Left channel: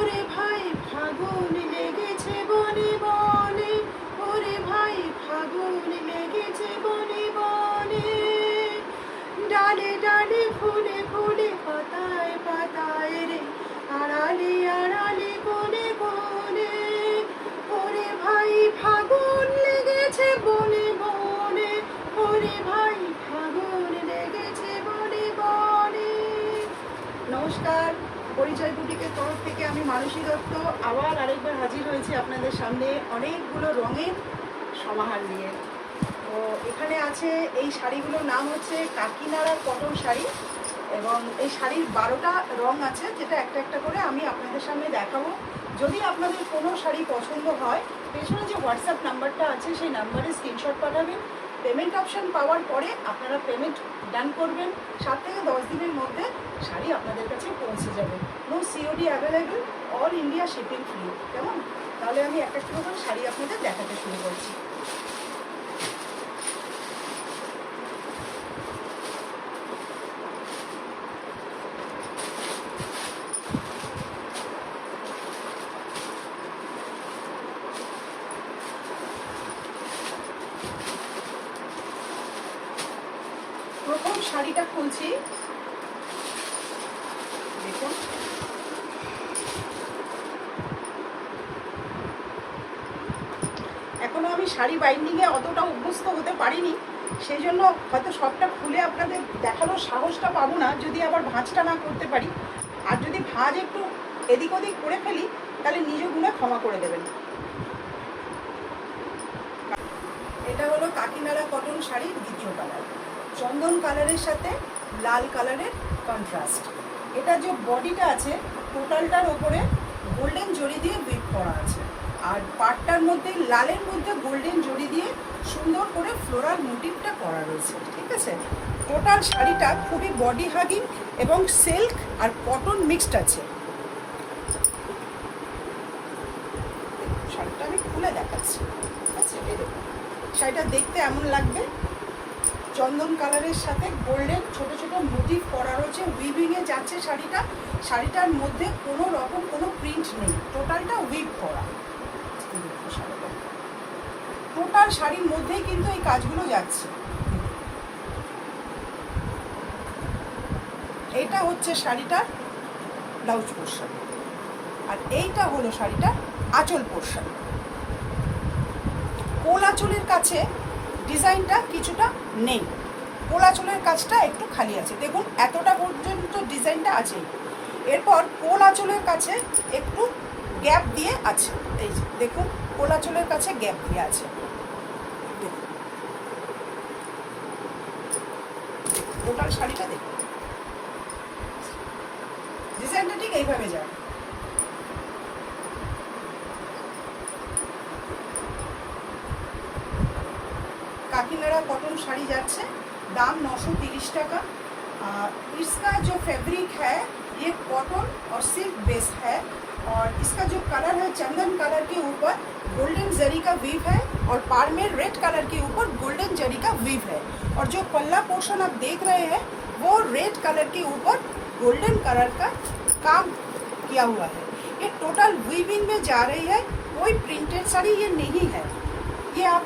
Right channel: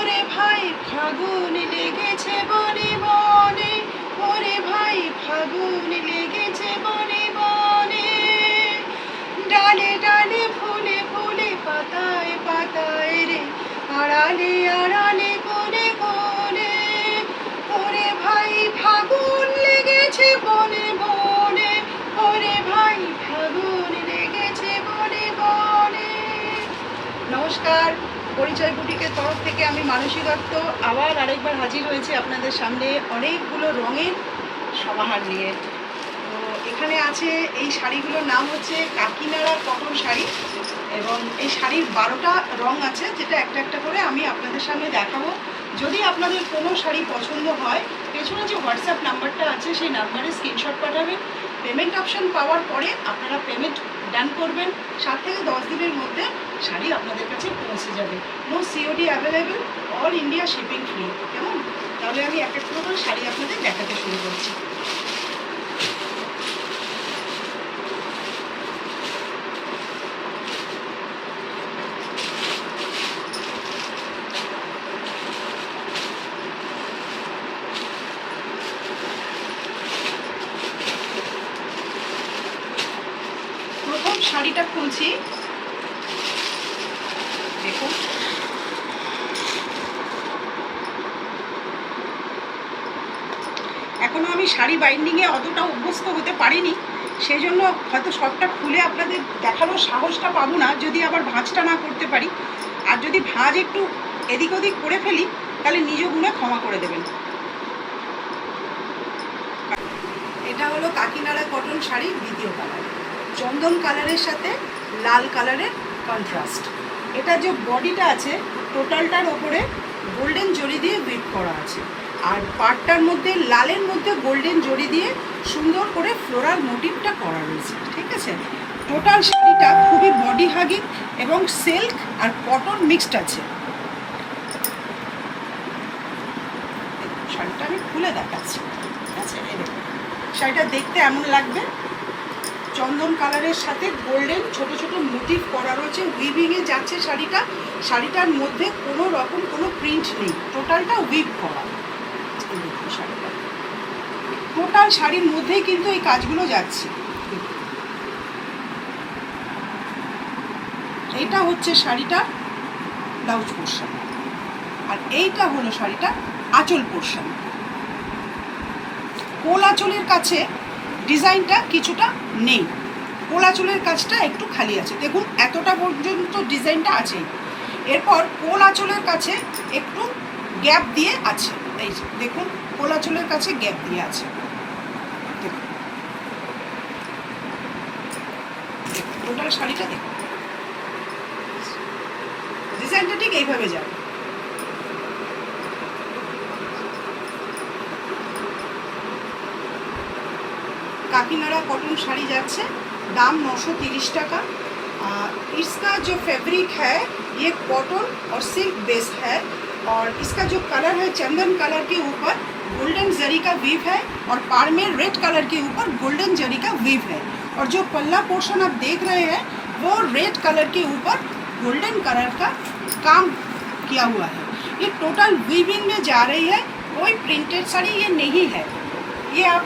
ওরে ভাই ফাগুন লেগেছে বনে বনে, ওরে ভাই ফাগুন লেগেছে বনে বনে, ডালে ডালে ফুলে ফুলে পাতায় পাতায় রে, আড়ালে আড়ালে কোণে কোণে, ওরে ভাই ফাগুন লেগেছে বনে বনে, ওরে ভাই ফাগুন লেগেছে বনে বনে। নমস্কার, পরিচয় বুটিকের তরফ থেকে আমি মানসী দত্ত আবার আরেকবার হাজির হয়েছি আপনাদের সামনে অনেকগুলো রঙের সমাহার নিয়ে। তো এখানে আছে এই শাড়িগুলোর নাম হচ্ছে কাকিনাড়ার কটন শাড়ি, এবং এই শাড়ির 12টা রং আছে, যেটা একটা একটা করে আমি আপনাদের সামনে দেখাবো। যদি আপনাদের কোনো শাড়ি পছন্দ হয়, পেছনে যে হোয়াটসঅ্যাপ নাম্বারটা আছে সেই নাম্বারে স্ক্রিনশট পাঠাবেন। পেমেন্ট অপশান পাওয়ার পরে আপনারা পেমেন্ট ডান করবেন। 7 থেকে 10 দিনের মধ্যে শাড়ি আপনাদের কাছে পৌঁছে যাবে। No COD available, all India shipping free. কেমন? তাহলে আমি এক এক করে শাড়ি আপনাদের দেখাতে শুরু করছি। প্রথম শাড়িটা খুলছি, দেখুন। এখনো আমি শাড়ি বাইন্ডিংয়ে অতটা অভ্যস্ত হতে পারিনি, সেই জন্য হয়তো সবটা খুলে আপনাদের দেখানোর সাহসটা পাবো না, যদি আবার ভাঁজটা না করতে পারি। আর যদি ভাঁজ একটু এদিক ওদিক করে ফেলি তাহলে নিজ গুণে ক্ষমা করে দেবেন। এটা হলো কাকিনাড়া কটন শাড়ির দ্বিতীয় কালার, চন্দন কালারের সাথে লাল কালারের কন্ট্রাস্ট। এটা যে বডিটা আছে টোটালটার ওপরে গোল্ডেন জরি দিয়ে উইভ করা আছে, আর পাটটার মধ্যে লালের মধ্যে গোল্ডেন জরি দিয়ে সুন্দর করে ফ্লোরাল মোটিভটা করা রয়েছে। ঠিক আছে, টোটাল শাড়িটা খুবই বডি হাগিং এবং সিল্ক আর কটন মিক্সড আছে। শাড়িটা আমি খুলে দেখাচ্ছি। ঠিক আছে, এই দেখুন শাড়িটা দেখতে এমন লাগবে, চন্দন কালারের সাথে গোল্ডেন ছোট ছোট মোটিভ করা রয়েছে, উইভিংয়ে যাচ্ছে শাড়িটা। শাড়িটার মধ্যে কোনো রকম কোনো প্রিন্ট নেই, টোটালটা উইভ করা। শাড়িটা টোটাল শাড়ির মধ্যেই কিন্তু এই কাজগুলো যাচ্ছে। এইটা হচ্ছে শাড়িটা ব্লাউজ পোর্শন, আর এইটা হলো শাড়িটা আঁচল পোর্শন। কোল আঁচলের কাছে ডিজাইনটা কিছুটা নেই, কোল আঁচলের কাজটা একটু খালি আছে। দেখুন এতটা পর্যন্ত ডিজাইনটা আছে, এরপর কোল আঁচলের কাছে একটু গ্যাপ দিয়ে আছে। এই যে দেখুন কোল আঁচলের কাছে গ্যাপ দিয়ে আছে। টোটাল শাড়িটা দেখুন, ডিজাইনটা ঠিক এইভাবে যাবে। काकीनाड़ा कॉटन शाड़ी जाच्छे, दाम 930 टाका। इसका जो फैब्रिक है ये कॉटन और सिल्क बेस है, और इसका जो कलर है चंदन कलर के ऊपर गोल्डन जरी का वीव है, और पार में रेड कलर के ऊपर गोल्डन जरी का वीव है, और जो पल्ला पोर्शन आप देख रहे हैं वो रेड कलर के ऊपर गोल्डन कलर का काम किया हुआ है। ये टोटल वीविंग में जा रही है, कोई प्रिंटेड साड़ी ये नहीं है। ये आप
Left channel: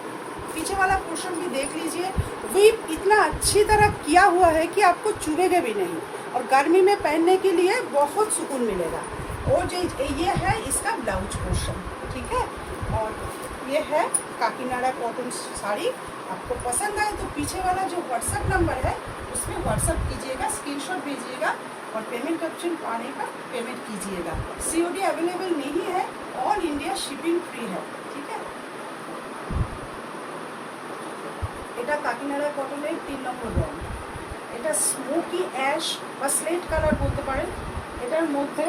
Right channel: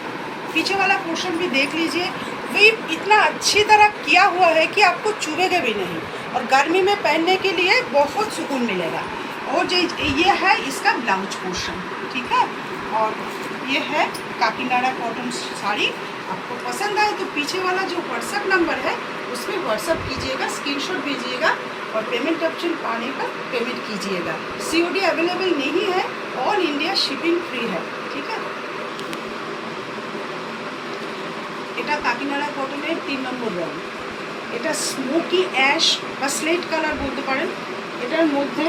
पीछे वाला पोर्शन भी देख लीजिए, वीव इतना अच्छी तरह किया हुआ है कि आपको चुभेगा भी नहीं, और गर्मी में पहनने के लिए बहुत सुकून मिलेगा। और जो ये है इसका ब्लाउज पोर्शन। ठीक है, और ये है काकीनाड़ा कॉटन साड़ी। आपको पसंद आए तो पीछे वाला जो व्हाट्सएप नंबर है उसमें व्हाट्सएप कीजिएगा, स्क्रीनशॉट भेजिएगा, और पेमेंट ऑप्शन पाने पर पेमेंट कीजिएगा। सीओडी अवेलेबल नहीं है, ऑल इंडिया शिपिंग फ्री है। ठीक है, এটা কাকিনাড়া কটনের 3 নম্বর রং। এটা স্মোকি অ্যাশ বা স্লেট কালার বলতে পারেন। এটার মধ্যে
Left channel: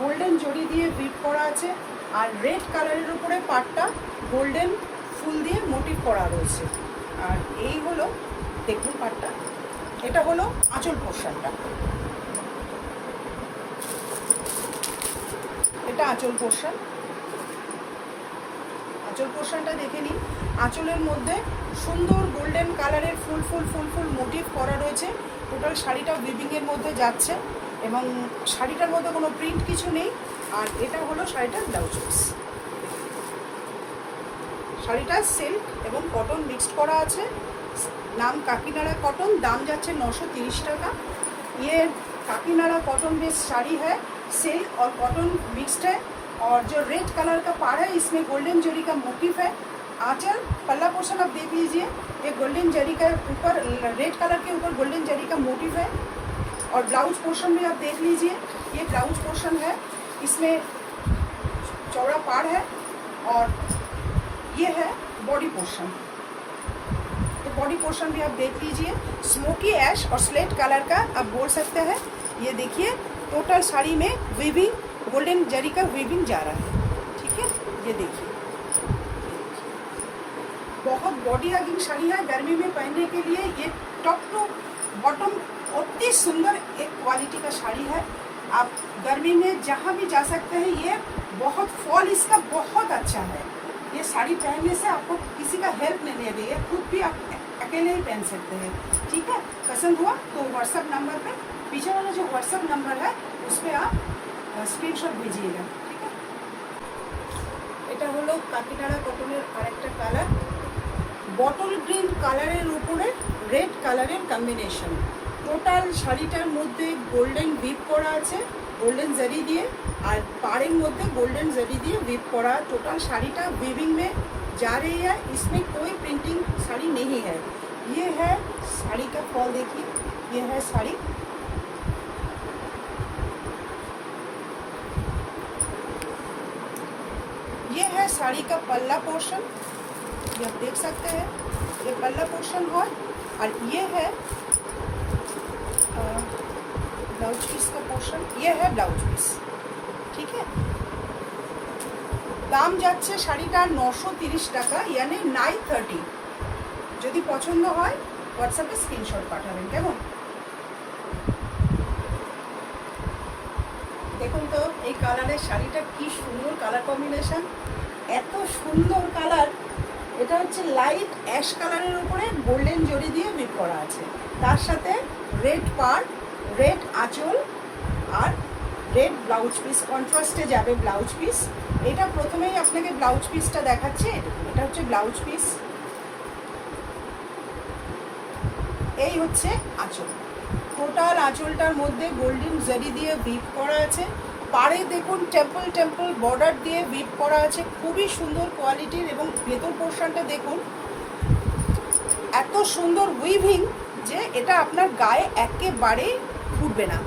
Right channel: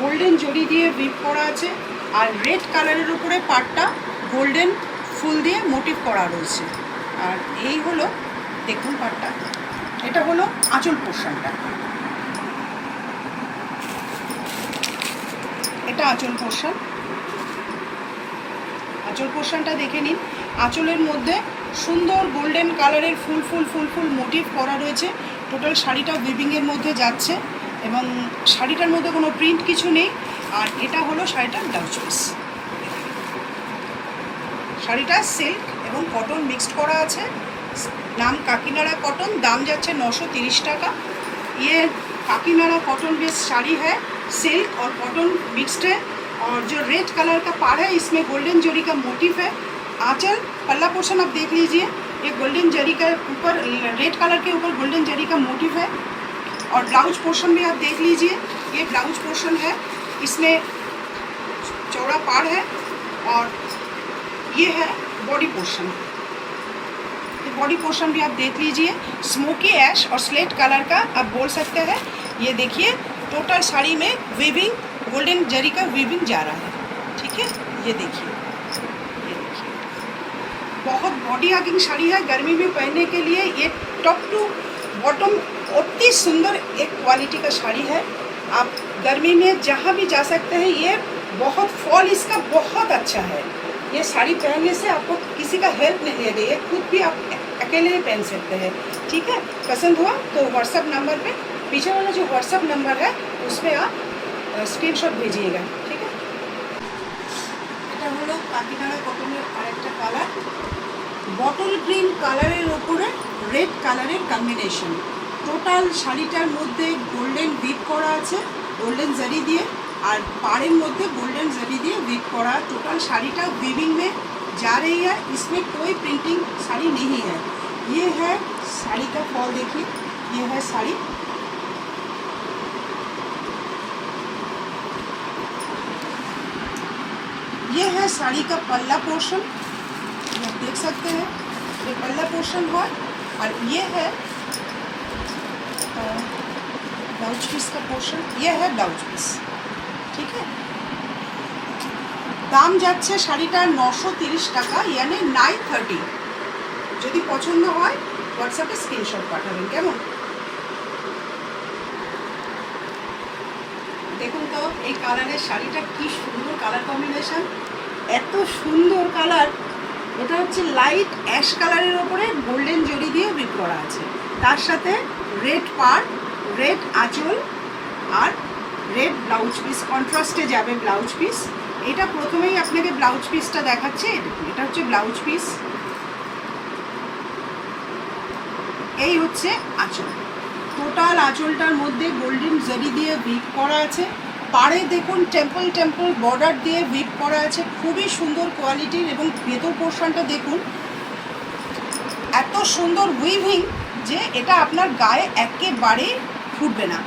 গোল্ডেন জরি দিয়ে উইভ করা আছে, আর রেড কালারের উপরে পাটটা গোল্ডেন ফুল দিয়ে মোটিভ করা রয়েছে। আর এই হলো দেখুন পাটটা, এটা হলো আঁচল পোর্শনটা। এটা আঁচল পোর্শন, আঁচল পোর্শনটা দেখে নিন। আঁচলের মধ্যে সুন্দর গোল্ডেন কালারের ফুল ফুল ফুল ফুল মোটিভ করা রয়েছে। টোটাল শাড়িটা উইভিংয়ের মধ্যে যাচ্ছে, এবং শাড়িটার মধ্যে কোনো প্রিন্ট কিছু নেই। আর এটা হলো শাড়িটার ব্লাউজ পিস। শাড়িটা সিল্ক এবং কটন মিক্সড করা আছে, নাম काकीनाड़ा कॉटन, दाम जाच्छे 930 टाका। ये काकीनाड़ा कॉटन बेस्ड साड़ी है, सिल्क और कॉटन मिक्स्ड है। और जो रेड कलर का पाड़ है इसमें गोल्डन जरी का मोटिव है। आंचल पल्ला पोर्शन आप देख लीजिए, ये गोल्डन जरी का ऊपर रेड कलर के ऊपर गोल्डन जरी का मोटिव है। और ब्लाउज पोर्शन भी आप देख लीजिए, ये ब्लाउज पोर्शन है, इसमें चौड़ा पाड़ है। और ये है बॉडी पोर्शन, बॉडी पोर्शन भी आप देख लीजिए, स्मोकी ऐश और स्लेट कलर का आप बोल सकते हैं। ये देखिए टोटल साड़ी में वीविंग, गोल्डन जरी का वीविंग जा रहा है, ठीक है। ये देखिए, ये देखिए बहुत बॉडी हगिंग साड़ी है, गर्मी में पहनने के लिए ये टॉप टू बॉटम अति सुंदर एक क्वालिटी का साड़ी है। आप गर्मी में जहाँ भी जा सकते हैं, ये बहुत फॉल इसका बहुत अच्छा है। ये साड़ी पहनने से आपको किसी का हेल्प नहीं ले रही है, खुद भी आप अकेले ही पहन सकते हैं, ठीक है। पसंद हुआ तो व्हाट्सअप नंबर पे, पीछे वाला जो व्हाट्सअप नंबर है उस पर आप स्क्रीनशॉट भेजिएगा, ठीक है। এটা হলো কাকিনাড়া কটনের আরেকটা কালার, বটল গ্রিন কালারের উপরে রেড কালারের কম্বিনেশন। টোটাল শাড়িটার মধ্যে গোল্ডেন বিট করা আছে, गोल्डन जरी दिए, और पाड़ेर मध्य गोल्डन जरी दिए वीव करा। टोटल साड़ीटा वीविंग में जा रही है, इसमें कोई प्रिंटिंग साड़ी नहीं है। ये है साड़ी का फॉल, देखिए ये है साड़ी। ये है साड़ी का पल्ला पोर्शन, ये आप देख सकते हैं, ये पल्ला पोर्शन है। और ये है ब्लाउज पीस का पोर्शन, ये है ब्लाउज पीस, ठीक है। दाम যাচ্ছে শাড়িটার 930 টাকা, यानी 930। যদি পছন্দ হয় হোয়াটসঅ্যাপে স্ক্রিনশট পাঠাবেন, কেমন। দেখুন তো এই কালারের শাড়িটা কি সুন্দর কালার কম্বিনেশন, এত সুন্দর কালার। এটা হচ্ছে লাইট অ্যাশ কালারের উপরে গোল্ডেন জরি দিয়ে বিট করা আছে, তার সাথে রেড পাড়, রেড আঁচল আর রেড ব্লাউজ পিস, কন্ট্রাস্টে যাবে ব্লাউজ পিস। এটা প্রথমেই আপনাকে ব্লাউজ পিসটা দেখাচ্ছে, এটা হচ্ছে ব্লাউজ পিস, এই হচ্ছে আঁচল। টোটাল আঁচলটার মধ্যে গোল্ডেন জারি দিয়ে উইভ করা আছে, পাড়ে দেখুন টেম্পল টেম্পল বর্ডার দিয়ে উইভ করা আছে, খুবই সুন্দর কোয়ালিটির। এবং ভেতর পোর্শনটা দেখুন এত সুন্দর উইভিং যে এটা আপনার গায়ে একেবারে ফুটবে না।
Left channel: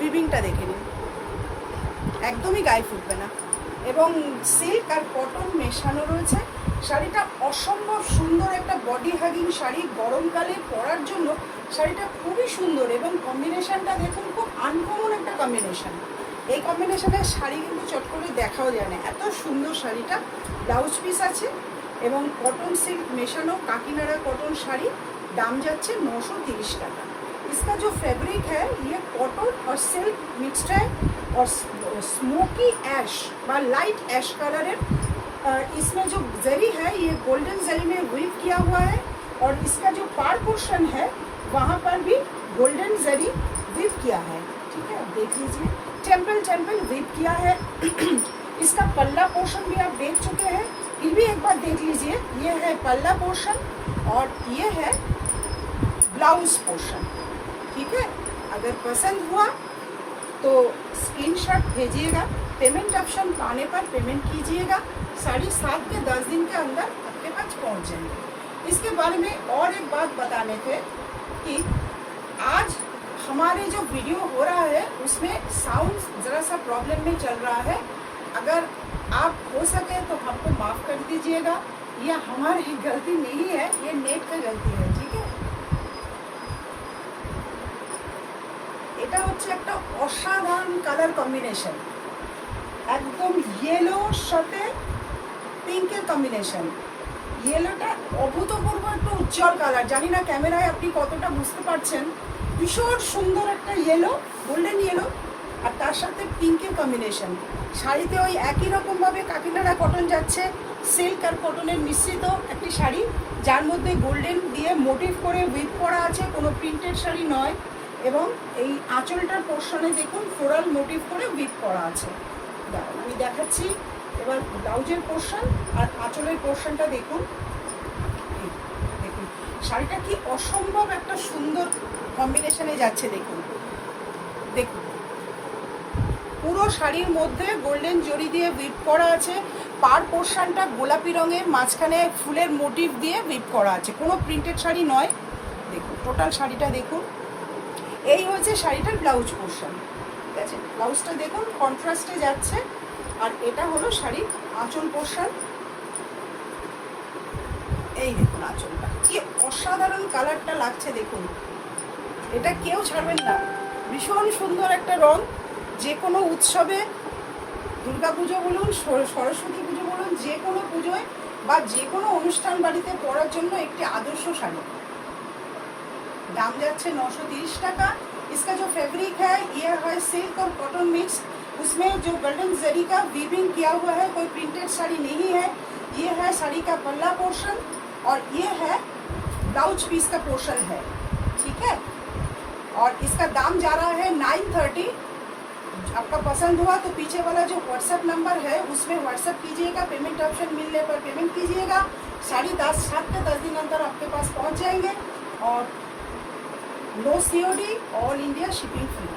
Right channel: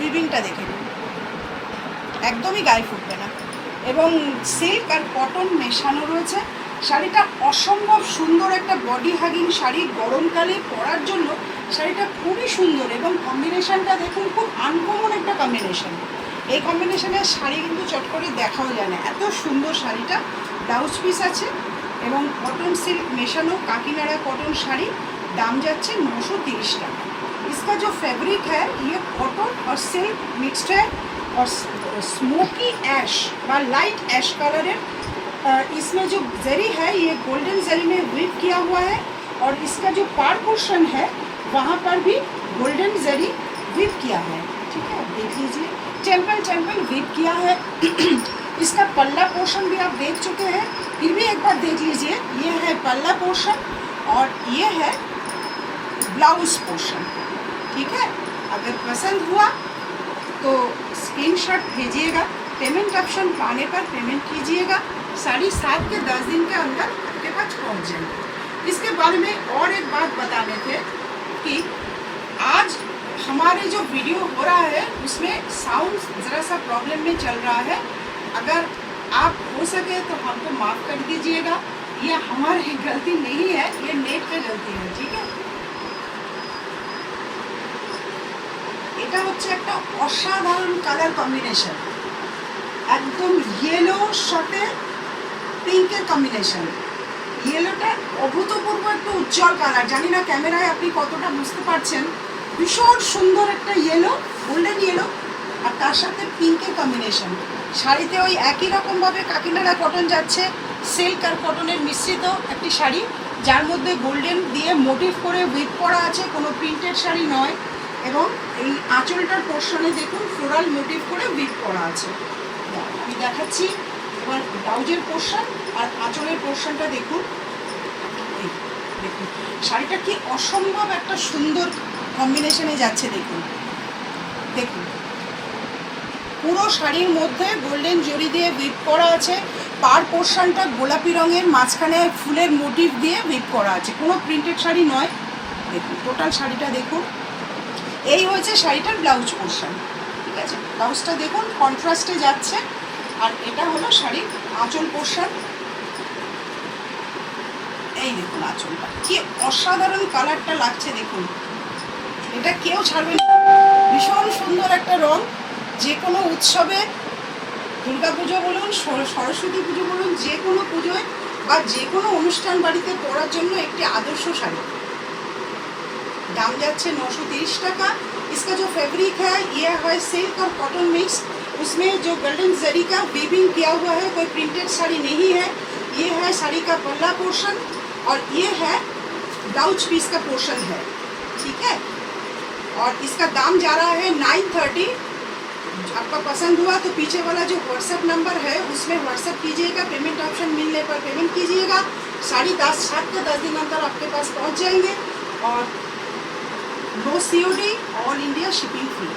উইভিংটা দেখে নিন, একদমই গায়ে ফুটবে না। এবং সিল্ক আর কটন মেশানো রয়েছে। শাড়িটা অসম্ভব সুন্দর একটা বডি হাগিং শাড়ি, গরমকালে পরার জন্য শাড়িটা খুবই সুন্দর। এবং কম্বিনেশনটা দেখুন, খুব আনকমন একটা কম্বিনেশন। এই কম্বিনেশনের শাড়ি কিন্তু চট করে দেখাও যায় না, এত সুন্দর শাড়িটা। ব্লাউজ পিস আছে এবং কটন সিল্ক মেশানো কাকিনাড়া কটন শাড়ি, दाम जाच्छे 930 टाका। इसका जो फैब्रिक है ये कॉटन और सिल्क मिक्सड है और स्मोकी ऐश व लाइट ऐश कलर है। इसमें जो जरी है ये गोल्डन जरी में वीव किया हुआ है और इसका जो पार पोर्शन है वहाँ पर भी गोल्डन जरी वीव किया है, ठीक है। आप देख लीजिए टेम्पल टेम्पल वीव किया है। इसका पल्ला पोर्शन भी आप देख चुके हैं, फिर भी एक बार देख लीजिए। ये है पल्ला पोर्शन और ये है ब्लाउज पोर्शन, ठीक है। अगर पसंद हुआ तो स्क्रीनशॉट भेजिएगा, पेमेंट ऑप्शन पाने पर पेमेंट कीजिएगा। साड़ी 7 से 10 दिन के अंदर आपके पास पहुंच जाएगी। इसके बारे में और एक बात बताने थे कि आज हमारे जो वीडियो हो रहा है उसमें साउंड ज़रा सा प्रॉब्लम में चल रहा है। अगर आप हो सके तो हमको माफ़ कर दीजिएगा, यह हमारी गलती नहीं है, ये नेट पे गलती है, ठीक है। এটা হচ্ছে একটা অসাধারণ কালার কম্বিনেশন, একদম ইয়েলোর সাথে পিঙ্কের কম্বিনেশন। ইয়েলোটা অভূতপূর্ব একটা উজ্জ্বল কালার, জানি না ক্যামেরায় আপনি কতটা বুঝতে পারছেন। ভীষণ সুন্দর একটা ইয়েলো, গোল্ডেন ইয়েলো, আর তার সাথে পিঙ্কের কম্বিনেশন। শাড়িতে ওই একই রকমভাবে কাকিনাড়া কটন যাচ্ছে, সিল্ক আর কটনের মিশ্রিত একটি শাড়ি, যার মধ্যে গোল্ডেন দিয়ে মোটিভ করে উইভ করা আছে, কোনো প্রিন্টেড শাড়ি নয়। এবং এই আঁচলটার পোর্শনে দেখুন ফ্লোরাল মোটিভ করে উইভ করা আছে। আমি দেখাচ্ছি এবার ব্লাউজের পোর্শন আর আঁচলের পোর্শনটা দেখুন। দেখুন শাড়িটা কি অসম্ভব একটা সুন্দর কম্বিনেশনে যাচ্ছে। দেখুন দেখুন পুরো শাড়ির মধ্যে গোল্ডেন জরি দিয়ে উইভ করা আছে। পার পোর্শনটা গোলাপি রঙের, মাঝখানে ফুলের মোটিভ দিয়ে উইভ করা আছে, কোনো প্রিন্টেড শাড়ি নয়। দেখুন টোটাল শাড়িটা দেখুন। এই হয়েছে শাড়িটার ব্লাউজ পোর্শন, ঠিক আছে। ব্লাউজটা দেখুন কন্ট্রাস্টে যাচ্ছে। আর এটা হলো শাড়ির আঁচল পোর্শন। এই দেখুন আঁচলটা কি অসাধারণ কালারটা লাগছে। দেখুন এটা কেউ ছাড়বেন না, ভীষণ সুন্দর একটা রং। যে কোনো উৎসবে, দুর্গা পুজো বলুন, সরস্বতী পুজো বলুন, যে কোনো পুজোয় বা যে কোনো অনুষ্ঠান বাড়িতে পরার জন্য একটি আদর্শ শাড়ি। दाम जाच्छे 930 टाका। इसका जो फैब्रिक है ये है सिल्क और कॉटन मिक्स, उसमें जो गोल्डन जरी का वीविंग किया हुआ है, कोई प्रिंटेड साड़ी नहीं है। ये है साड़ी का पल्ला पोर्शन और ये है ब्लाउज पीस का पोर्शन है, ठीक है। और इसका दाम जा रहा है 930। आपका पसंद हुआ तो पीछे वाला जो व्हाट्सएप नंबर है उसमें व्हाट्सएप कीजिएगा, पेमेंट ऑप्शन मिलने पर पेमेंट कीजिएगा। साड़ी 7 के 10 दिन अंदर आपके पास पहुंच जाएंगे और no COD, all India shipping free.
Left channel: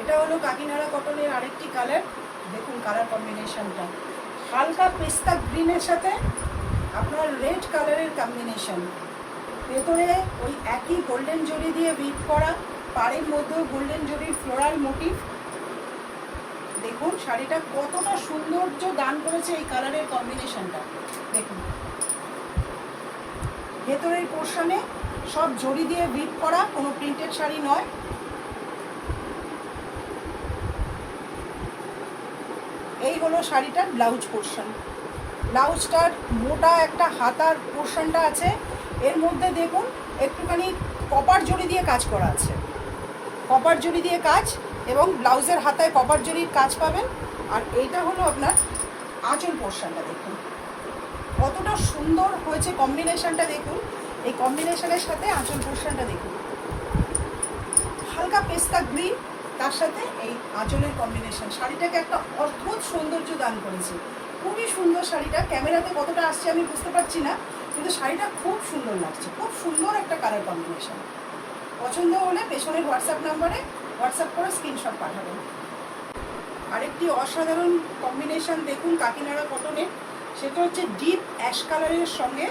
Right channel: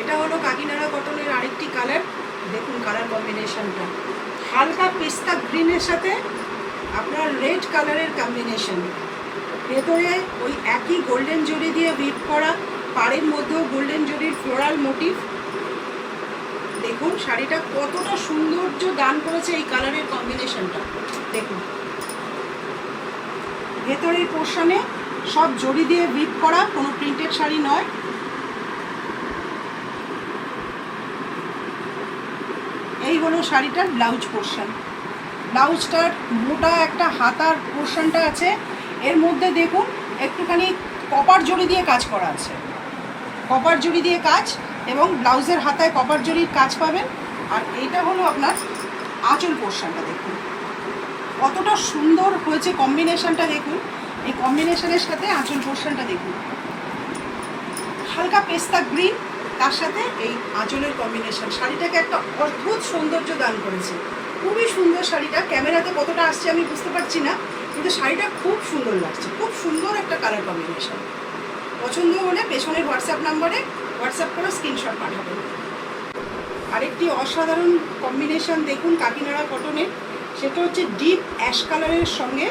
এটা হলো কাকিনাড়া কটনের আরেকটি কালার। দেখুন কালার কম্বিনেশনটা হালকা পেস্তা গ্রিনের সাথে আপনার রেড কালারের কম্বিনেশন। ভেতরে ওই একই গোল্ডেন জরি দিয়ে উইভ করা, পাড়ের মধ্যেও গোল্ডেন জরির ফ্লোরাল মোটিভ। দেখুন শাড়িটা কতটা সৌন্দর্য দান করেছে এই কালারের কম্বিনেশনটা। দেখুন ভেতরের পোর্শনে সব জড়ি দিয়ে উইভ করা, কোনো প্রিন্টেড শাড়ি নয়। এই হলো শাড়িটার ব্লাউজ পোর্শন। ব্লাউজটার মোটা একটা হাতার পোর্শনটা আছে, এর মধ্যে দেখুন একটুখানি কপার জড়ি দিয়ে কাজ করা আছে, কপার জড়ি দিয়ে কাজ, এবং ব্লাউজের হাতায় কপার জড়ির কাজ পাবেন। আর এইটা হলো আপনার আঁচল পোর্শনটা। দেখুন কতটা সুন্দর হয়েছে কম্বিনেশনটা। দেখুন এই কম্বিনেশনের সাথে আঁচল পোর্শনটা দেখুন, হালকা পেস্তা গ্রিন, তার সাথে এই আঁচলের কম্বিনেশন শাড়িটাকে একটা অদ্ভুত সৌন্দর্য দান করেছে। খুবই সুন্দর শাড়িটা। ক্যামেরাতে কতটা আসছে আমি বুঝতে পারছি না, কিন্তু শাড়িটা খুব সুন্দর লাগছে, খুব সুন্দর একটা কালার কম্বিনেশন। পছন্দ হলে পেছনের হোয়াটসঅ্যাপ নাম্বারে হোয়াটসঅ্যাপ করে স্ক্রিনশট পাঠাবেন। আরেকটি অসাধারণ কম্বিনেশন দেখুন কাকিনাড়া কটনের, সেটা হচ্ছে ডিপ অ্যাশ কালারের সঙ্গে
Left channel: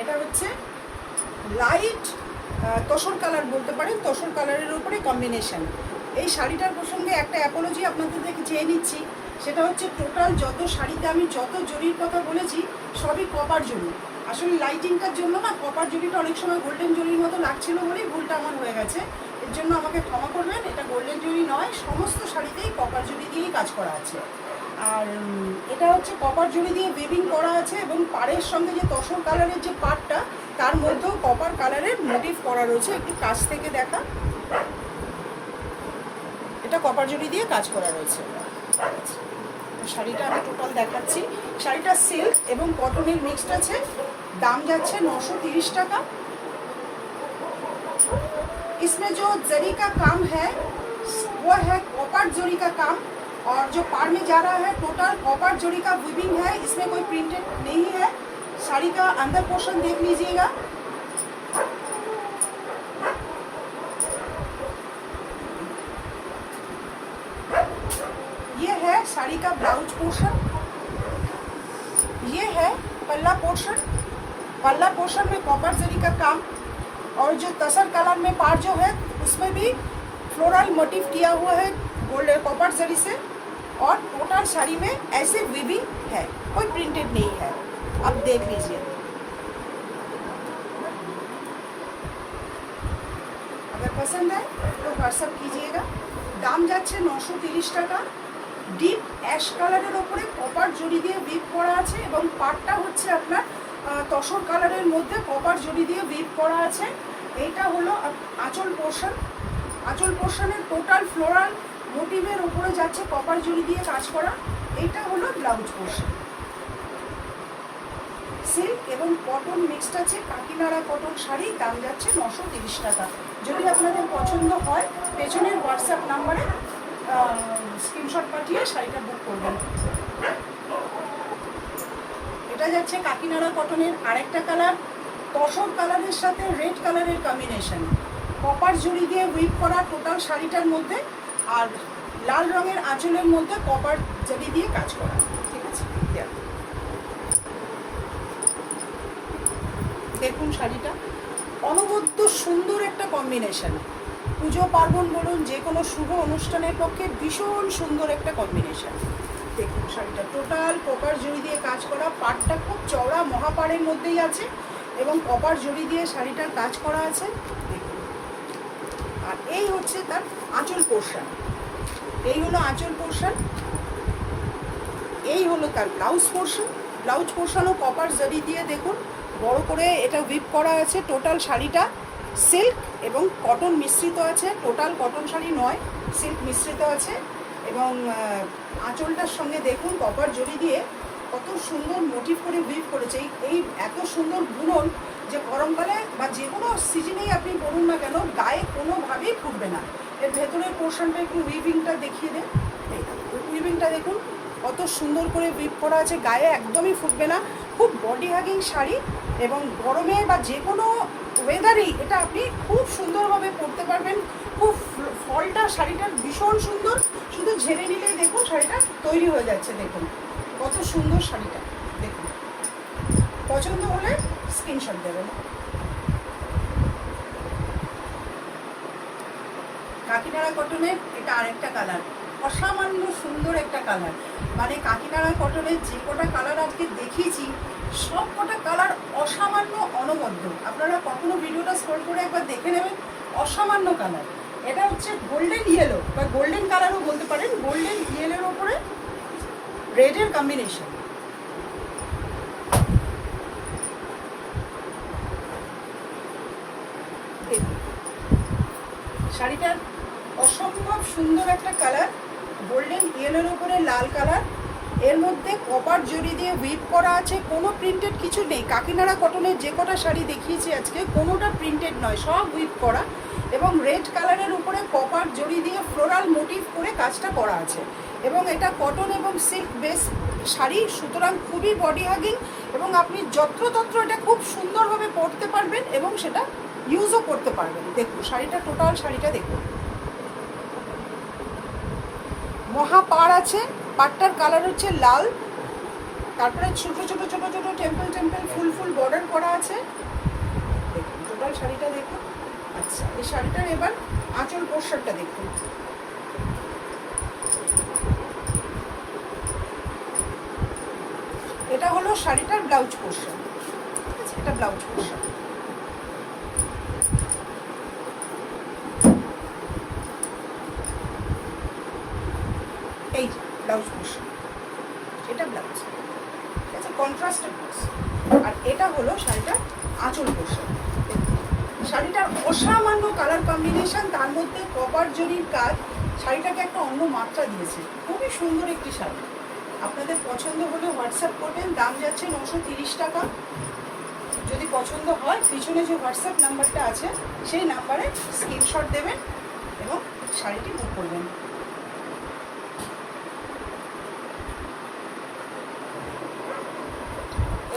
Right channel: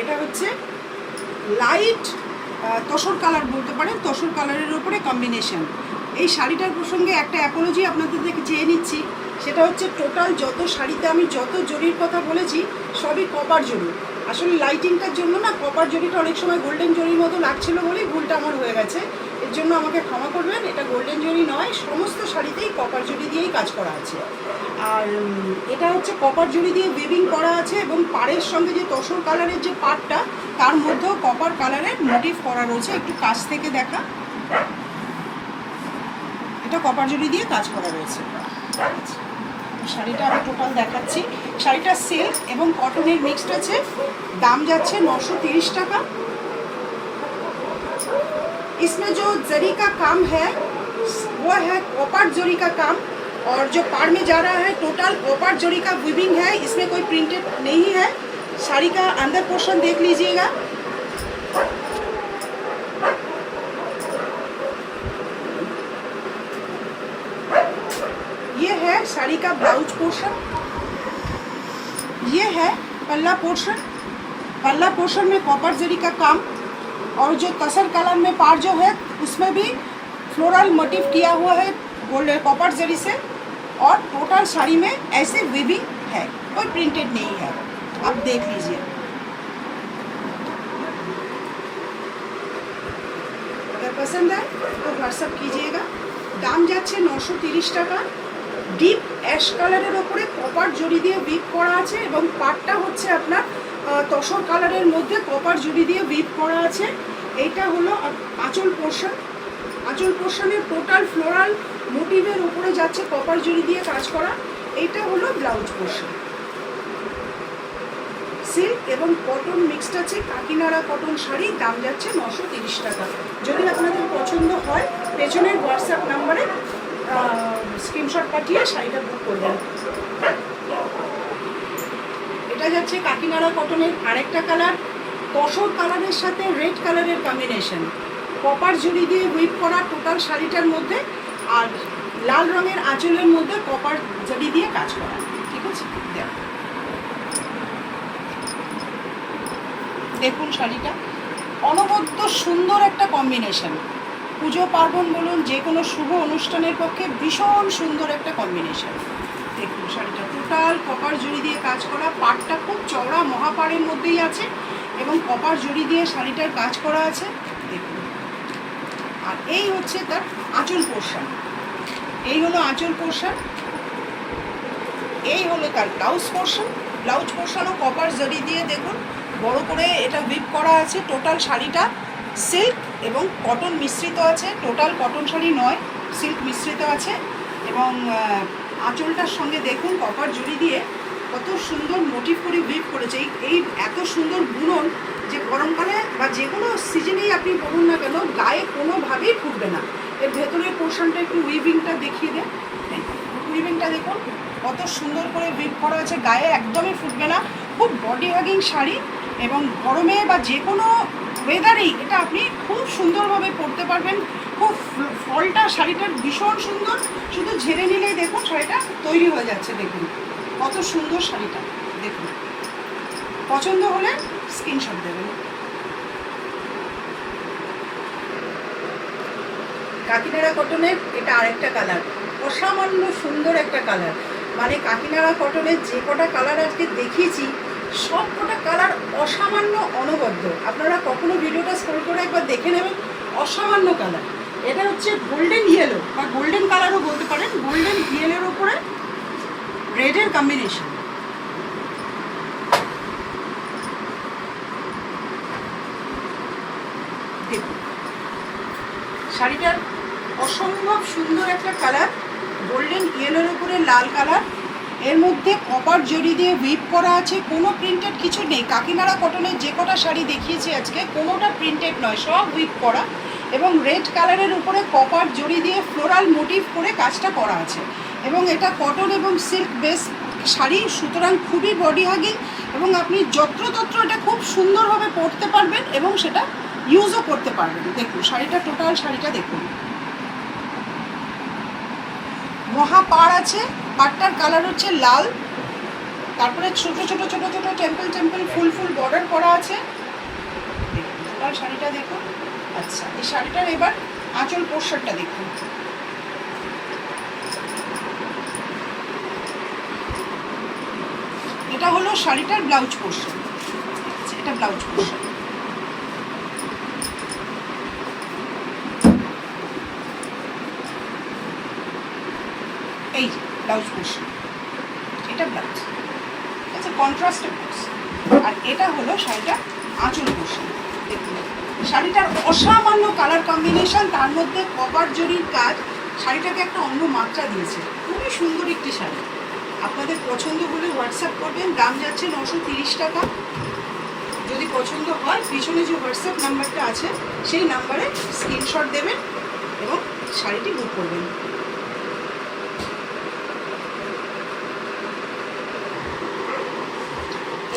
এটা হচ্ছে লাইট তসর কালার বলতে পারেন, তসর কালারের উপরে কম্বিনেশন। এই শাড়িটার প্রসঙ্গে একটা অ্যাপোলজি আপনাদের থেকে চেয়ে নিচ্ছি, সেটা হচ্ছে টোটাল যত শাড়িতে আমি যত জরির কথা বলেছি সবই কপার জরি। আসলে লাইটিংটার জন্য না কপার জরিটা অনেক সময় গোল্ডেন জরির মতো লাগছিল বলেই ভুলটা আমার হয়ে গেছে, এর জন্য আমাকে ক্ষমা করবেন। এটা গোল্ডেন জরি নয়, সমস্ত শাড়িতেই কপার জরি দিয়েই কাজ করা আছে। আর এটা হচ্ছে কপার জরি দিয়ে উইভিং করা আছে, এবং পাড়ের সঙ্গে যে তসর কালারের যে পাড়টা তার মধ্যেও কপার কালারের মোটিভ করা রয়েছে। একটু কাছ থেকে দেখা, এটা কপার জরি দিয়ে কাজ করা রয়েছে। শাড়িটা আমি টোটাল দেখাচ্ছি। শাড়িটা সিল্ক এবং কটনের মিক্সড আছে। দাম যাচ্ছে 930 টাকা। इसमें जो जरी का काम है वो है कॉपर जरी का काम, और जो पाड़ में जा रहा है टोटल कॉपर जरी का वीविंग है, इसमें कोई प्रिंटेड नहीं है। साड़ी का अंदर पोर्शन देख लीजिएगा। ये है साड़ी का ब्लाउज पोर्शन, ये है पल्ला पोर्शन। पल्ला पोर्शन में कॉपर जरी का काम, और जो तसर कलर में पार जो है उसमें भी फ्लोरल मोटिव किया हुआ है गोल्ड कॉपर जरी से, और टोटल साड़ी में ऐसे वीविंग है, कोई प्रिंटेड नहीं है। आप देख लीजिए। अगर पसंद है तो व्हाट्सअप कीजिएगा। दाम যাচ্ছে 930 টাকা। ডিপ অ্যাশ কালারের উপরে কপার জরি দিয়ে উইভ করা আছে, এবং পাটটা হচ্ছে আপনার তসর কালারের মধ্যে কপার জরি দিয়ে উইভ করা আছে। এইটা হলো আঁচল পোর্শন। আঁচল পোর্শনের টোটাল ফ্লোরাল মোটিভের উপরে যাচ্ছে কপার জরি দিয়ে কাজ করা। এইটা হলো ব্লাউজ পোর্শন। সিল্ক এবং কটন মিক্সড আছে, কাকিনাড়া কটন শাড়ি, দাম যাচ্ছে 930 টাকা। যদি আপনাদের পছন্দ হয় পেছনের হোয়াটসঅ্যাপ নাম্বারে স্ক্রিনশট পাঠিয়ে শাড়িটা বুক করবেন। এটা যাচ্ছে কাকিনাড়া কটনের আরেকটা কালার, তসর কালারের সাথে রেড কালারের কম্বিনেশন, কপার জড়ি দিয়ে হুইপ করা টোটাল শাড়িটার মধ্যে, আর লাল রঙের আঁচলের মধ্যে কপার জড়ি দিয়ে কাজ করা। ঠিক আছে, দেখুন শাড়িটা অনবদ্য সুন্দর একটা কম্বিনেশন। পুজো পার্বণ বলুন, যে কোনো শুভ অনুষ্ঠানের পক্ষে ভীষণ সুন্দর একটা কম্বিনেশন। দেখুন শাড়িটা টোটাল কপার জড়ি দিয়ে কাজ করা, পাড়টা খুব চওড়া মহাপাড়ের মধ্যেই আছে এবং কপার জড়ি দিয়ে শাড়িটার কাজ করা আছে। দেখুন, আর এই হচ্ছে তার আঁচল পোর্শন, এই হলো আঁচল পোর্শন, এই হলো তার ব্লাউজ পোর্শন। ব্লাউজ পোর্শনও কপার জড়ি দিয়ে দেখুন বড় করে এটা হুইপ করা আছে। টোটাল শাড়িটা সিল্ক এবং কটন মিশ্রিত আছে, টোটাল কটন শাড়ি নয়, সিল্ক মিশ্রিত আছে। এবং আঁচলটার সঙ্গে দেখুন কপার জড়ি দিয়ে কত সুন্দর মোটিভ করে হুইপ করেছে। এই এত সুন্দর বুনন যে গরমকালে বা যে কোনো সিজনেই আপনি পরুন না কেন গায়ে কোনোভাবেই ফুটবে না। এর ভেতরের পোর্শনটা একটু উইভিংটা দেখিয়ে দেন, উইভিংটা দেখুন কত সুন্দর করে হুইপ করা আছে, গায়ে একদমই ফুটবে না। খুব বডি হাগিং শাড়ি এবং গরমে বা যে কোনো ওয়েদারেই এটা আপনি খুব সুন্দরভাবে পরতে পারবেন। খুব ফলটা শাড়িটার ভীষণ সুন্দর, শুধু ঝেড়ে নিলেই দেখুন শাড়িটা তৈরি হয়ে যাচ্ছে। দেখুন কত সুন্দর শাড়িটা, দেখুন পছন্দ হলে স্ক্রিনশট দেবেন। কাকিনাড়া কটনের এটা আরেকটা কালার, অসামান্য সুন্দর একটা কালার। মানে কাকিনাড়া কটনের যে কটা কালার আজকে দেখিয়েছি সব কটা কালার অসামান্য অনবদ্য। আপনারা কখনো ভিডিওটা স্ক্রল করে একবার দেখে নেবেন, অসামান্য কালার। এটা হচ্ছে গোল্ডেন ইয়েলো বা গোল্ডেন কালারও বলতে পারেন, গোল্ডেন ইয়েলোর ওপরে রেডের কম্বিনেশন। শাড়িটার অসম্ভব সুন্দর একটা কালার, গোল্ডেন ইয়েলোর উপরে লাল কালার, এর মধ্যে কপার জড়ি দিয়ে হুইপ করা আছে, কোনো প্রিন্টেড কিছু নেই। কাকিনাড়া কটনের যে কটা শাড়ি দেখিয়েছি আজকে কোনোটা প্রিন্টেড নয়, সব হুইপ করা এবং রেড কালারের উপরে কপার জড়ি দিয়ে ফ্লোরাল মোটিভ করে কাজটা করা আছে। এবং এটা কটন এবং সিল্ক বেস শাড়ি, সুতরাং খুবই বডি হাগিং এবং আপনি যত্রতত্র এটা খুব সুন্দরভাবে পরতে পারবেন এবং সেটা ইউজও করতে পারবেন। দেখুন শাড়িটা, টোটাল শাড়িটা দেখুন মহা পাড় আছে, পাড়টার কালার হচ্ছে লাল, তারপরে ছোট ছোট ছোট ছোট টেম্পল টেম্পল ফুল ফুল বর্ডার করা আছে। দেখুন টোটাল শাড়িটা দেখুন। আচ্ছা, এই শাড়িটার এবার আঁচল পোর্শনটা দেখুন। এটা হলো শাড়িটার ব্লাউজ পোর্শন, এটা ব্লাউজ পোর্শন। এই ব্লাউজ পোর্শন, এটা ব্লাউজ, ঠিক আছে, কন্ট্রাস্টের ব্লাউজ। আর এটা হলো শাড়িটা আঁচল পোর্শন। শাড়িটার অসামান্য কালার কম্বিনেশন, তার মধ্যে কপার জড়ির কাজ শাড়িটাকে একটা অন্য মাত্রা দিয়েছে। খুবই সুন্দর একটি শাড়ি। আপনাদের পছন্দ হলে হোয়াটসঅ্যাপ করবেন, দাম যাচ্ছে 930 টাকা। যদি পছন্দ হয় পিছনে যে হোয়াটসঅ্যাপ নাম্বারটা আছে সেই নাম্বারে স্ক্রিনশট দেবেন এবং শাড়িটি বুক করবেন।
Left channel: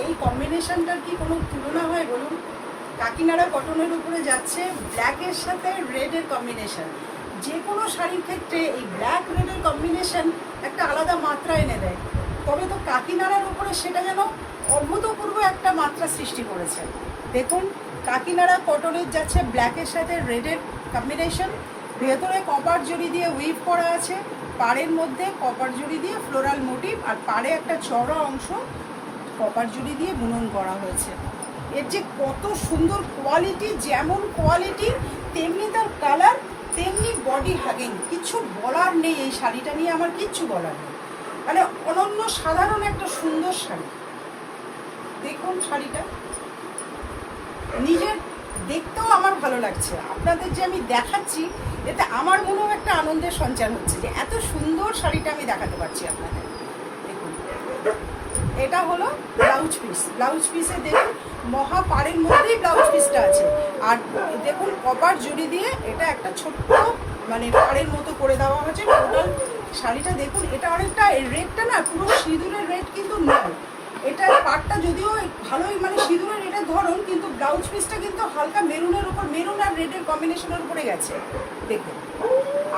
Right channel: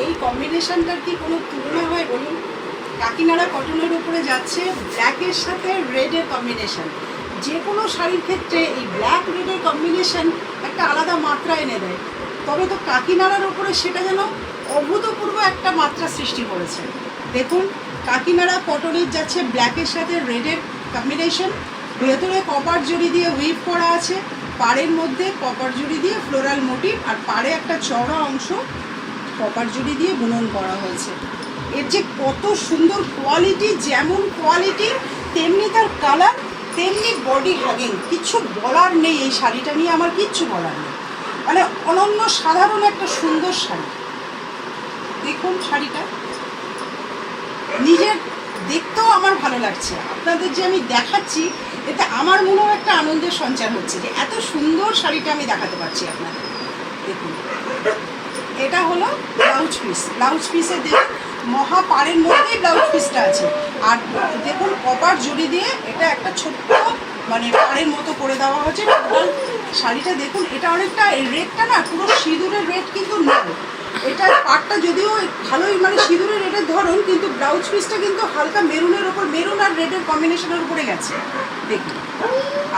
এই কম্বিনেশনটার কি কোনো তুলনা হয় বলুন? কাকিনাড়া কটনের উপরে যাচ্ছে ব্ল্যাকের সাথে রেডের কম্বিনেশন। যে কোনো শাড়ির ক্ষেত্রে এই ব্ল্যাক রেডের কম্বিনেশন একটা আলাদা মাত্রা এনে দেয়, তবে তো কাকিনাড়ার উপরে সেটা যেন অভূতপূর্ব একটা মাত্রা সৃষ্টি করেছে। দেখুন কাকিনাড়া কটনের যাচ্ছে ব্ল্যাকের সাথে রেডের কম্বিনেশন, ভেতরে কপার জড়ি দিয়ে হুইপ করা আছে, পাড়ের মধ্যে কপার জড়ি দিয়ে ফ্লোরাল মোটিভ, আর পাড়ে একটা চওড়া অংশ কপার জড়ি দিয়ে বুনন করা হয়েছে। এর যে কত সুন্দর কোয়ালিটি, যেমন কোয়ালিটি তেমনি তার কালার, তেমনি বডি হাগিং। কিচ্ছু বলার নেই, এই শাড়িটা নিয়ে আমার কিচ্ছু বলার নেই। মানে অনন্য সাধারণ একটা সুন্দর শাড়ি। দেখুন শাড়িটা নিজের দেখতেও আমার ভালো লাগছে, আপনাদের যে আমি দেখাচ্ছি এতে আমার মনেও একটা আনন্দের সঞ্চার হচ্ছে যে এত সুন্দর শাড়িটা আমি দেখাতে পারছি আপনাদের। দেখুন এটা হলো ব্লাউজ পিস। ব্লাউজ পিসে দেখুন মহা পাড়ের মধ্যেই ব্লাউজ পিসটা আছে। আর দেখুন কপার জড়ি দিয়ে এটা একটা ছোট্ট মানে পাড়ের মতো করে দেওয়া হয়েছে। টোটাল শাড়িটা দেখুন, এটা অনেকটা এই রেডটা না পুরো সিঁদুরের রেড কিন্তু নয়, এটা পাড়টা যদিও ভালোই মানে সিঁদুরের রেডের ধরুন, কিন্তু ব্লাউজ পিসটা কিন্তু হালকা মেরুনের ওপর, মেরুন আর রেডের কম্বিনেশনের উপরে গেছে দেখুন।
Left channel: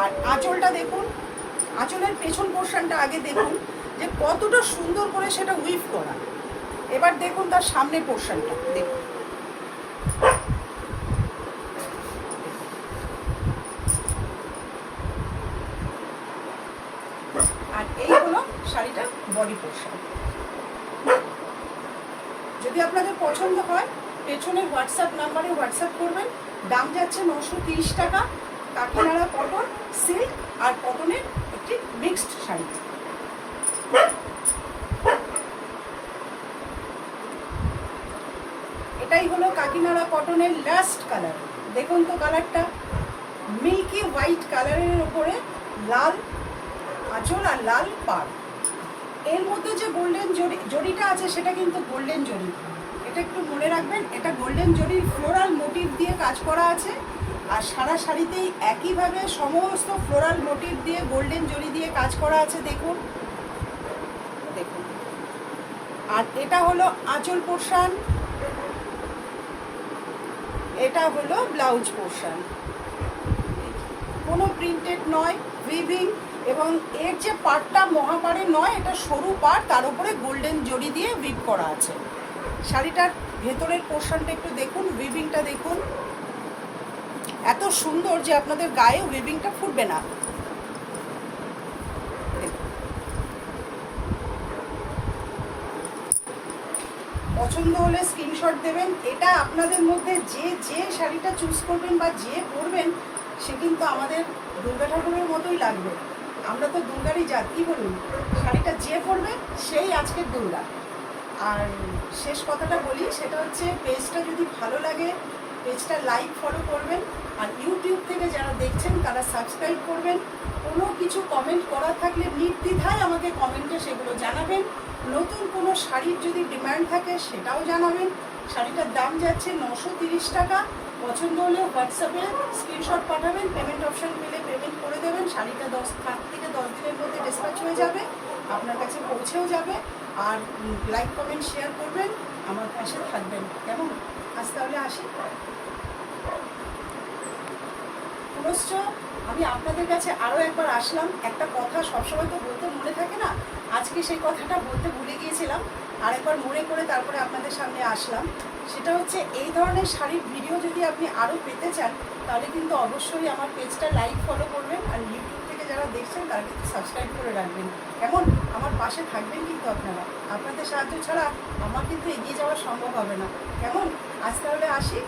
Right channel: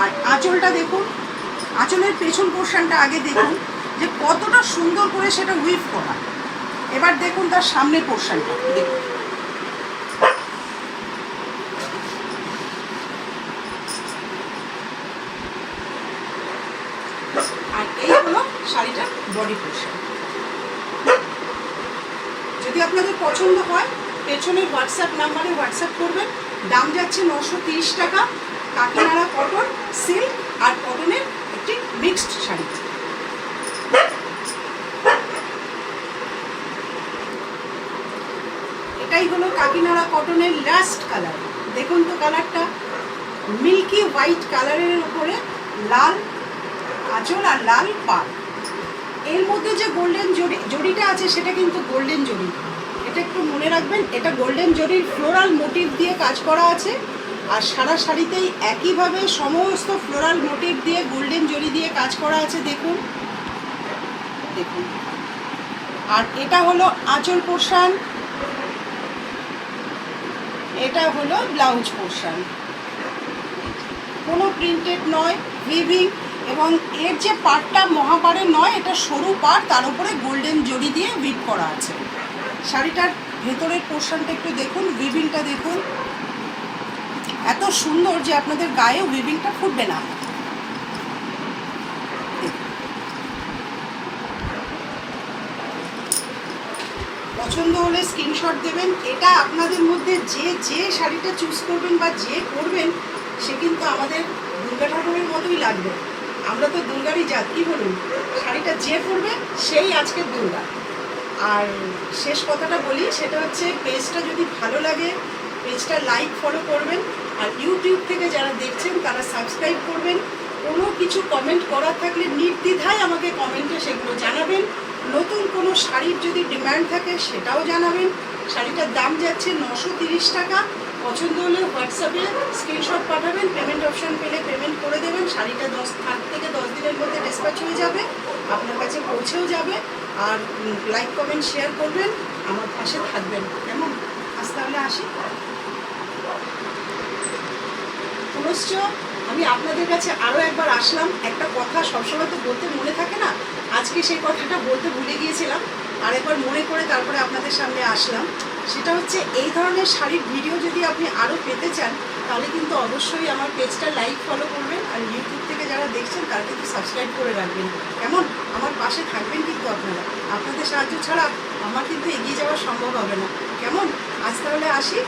আর আঁচলটা দেখুন, আঁচলের পেছন পোর্শনটা আগে দেখুন যে কতটা সুন্দর করে সেটা উইভ করা। এবার দেখুন তার সামনের পোর্শনটা দেখুন, আর এই হলো শাড়িটার বডি পোর্শন। যদি আপনাদের পছন্দ হয় পেছনের হোয়াটসঅ্যাপ নাম্বারে হোয়াটসঅ্যাপ করবেন। দাম যাচ্ছে 930 টাকা। কাকিনাড়া কটন, সিল্ক আর কটনের একটি মিক্সড শাড়ি। এটাই হলো কাকিনাড়া কটনের লাস্ট কালার। দেখুন তো কালারটা মিল্কি হোয়াইট কালারের উপরে লাল আঁচল আর লাল পাড়। এর মধ্যে যে গোল্ডেন জড়িটা আছে সেটা কিন্তু গোল্ডেন জড়ি, এটা একটু মনে রাখবেন। এটা গোল্ডেন জড়ির ফ্লোরাল মোটিভ দিয়ে কাজ করা আছে। আর সারা শাড়িতেই একইভাবে সমস্ত ফ্লোরাল মোটিভ দিয়ে গোল্ডেন জড়ি দিয়ে কাজ করা আছে দেখুন দেখুন। আর এটা হলো আঁচল পোর্শন, এটা হলো ব্লাউজ পোর্শন। কোনো প্রিন্টেড নয়, উইভিং, এবং এর যে পাড়টা মহাপাড়ের নয়, এটা সরু পাড়, তার উপরে গোল্ডেন জড়ি দিয়ে উইভ করা আছে। শাড়িটার ভেতরের পোর্শনটা একটু দেখুন, উইভিংটা দেখুন এত সুন্দর যে আপনাদের গায়ে উইভিংটা ফুটবে না। পছন্দ হলে স্ক্রিনশট দেবেন। এটা আপনাদের মধ্যে যে শাড়িটা চুজ করবেন বা যে পরবেন সে কিন্তু আমাদের দুর্গা ঠাকুরের মতোই লাগবে। আমরা তো দুর্গারই জাত, কি বলুন? শাড়িটা যে পরবে সেই আজকের দুর্গা। আর শেষ কথাটা বলি, সেটা হচ্ছে পেজটা যদি ভালো লাগে পেজটা লাইক ফলো করবেন। আর ইউটিউব থেকে যারা দেখছেন তারা সাবস্ক্রাইব করবেন। কোনো কিছু কমেন্ট করার থাকলে নির্দ্বিধায় আমাকে কমেন্টে সেগুলো জানাবেন। নতুন কোনো শাড়ির যদি ডিমান্ড থাকে সেটাও জানাবেন। শাড়িটার দাম যাচ্ছে 930 টাকা। পছন্দ হলে হোয়াটসঅ্যাপে স্ক্রিনশট পাঠাবেন, পেমেন্ট অপশান পেলে পেমেন্ট করে দেবেন। শাড়িটা 5 থেকে 10 দিনের মধ্যে ডিসপ্যাচ হয়ে যাবে, আপনার কাছে পৌঁছেও যাবে। আর লাইক কমেন্ট শেয়ার করবেন, আমার পাশে থাকবেন। কেমন? আজ তাহলে আসি। পুনশ্চ আমি আপনাদের কাছে আরও একবার আসলাম। একটা কথা সবসময় তো বলতে মনে থাকে না, আজকে সেই কথাটা বলতে ভুলে গিয়েছিলাম, আরেকবার মনে করে তারপরে আপনাদের সামনে আসলাম। সেটা হচ্ছে এই ধরনের শাড়ির ভিডিও যদি আপনি আরও পেতে চান তাহলে কিন্তু অবশ্যই আমার পেজটা লাইক ফলো করবেন। আর ইউটিউব থেকে যারা দেখছেন তারা কিন্তু সাবস্ক্রাইব করে রাখবেন। কেমন? আমার পাশে থাকবেন কিন্তু আপনারা। আপনাদের সাহায্য ছাড়া আমার কিন্তু এগিয়ে যাওয়া সম্ভব হবে না। কেমন? আজ তাহলে আসি।